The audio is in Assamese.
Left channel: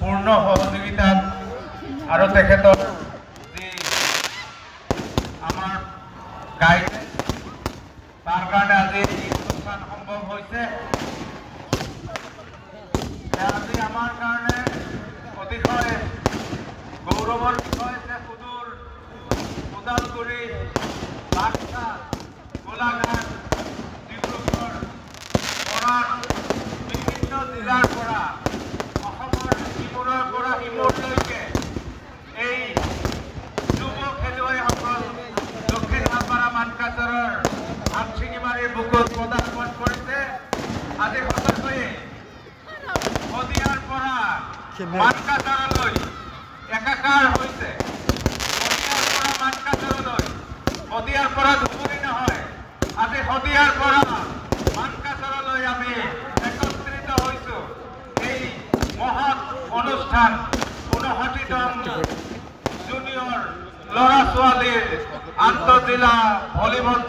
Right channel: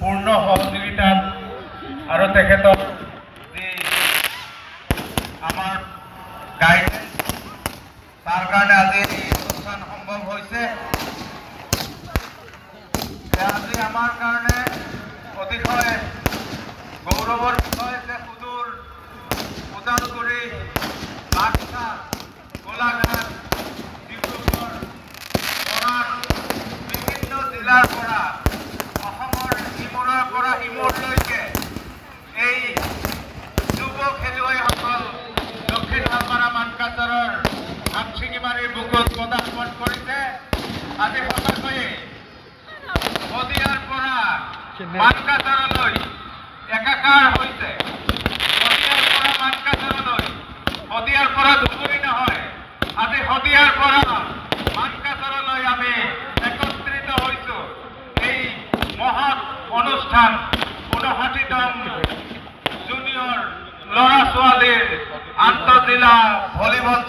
পূৰ্ণ সহযোগিতাত আৰু তেখেতৰ যি আমাৰ গাইডেন্স তাৰ কাৰণে আজি এই অনুষ্ঠান সম্ভৱ হৈছে। আজি আমাৰ কাৰণে অতিশয় গৌৰৱৰ বিষয় যে সুদূৰ ওদালগুৰি, বাক্সা, গোলাঘাট, ডিব্ৰুগড়, মৰাণ বিভিন্ন জিলাৰ পৰা অসমৰ ইমূৰৰ পৰা ইমূৰলৈকে এই যুৱ খেলুৱৈসকল দক্ষিণ হালমাৰা মানকাচৰৰ আমচিঙিমাৰীৰ বুকুত পদাৰ্পণ কৰিছে। আজি সঁচাকৈয়ে শদিয়াৰ পৰা মানকাচৰলৈ একাকাৰ হৈছে। শদিয়াৰ পৰা মানকাচৰলৈ, শদিয়াৰ পৰা ধুবুৰী নহয়, আজি শদিয়াৰ পৰা মানকাচৰলৈ আমি একত্ৰিত হৈছোঁ এই মহৎ অনুষ্ঠান ৫৯তম জুনিয়ৰ ল'ৰা ছোৱালীৰ আন্তঃজিলা ভলীবল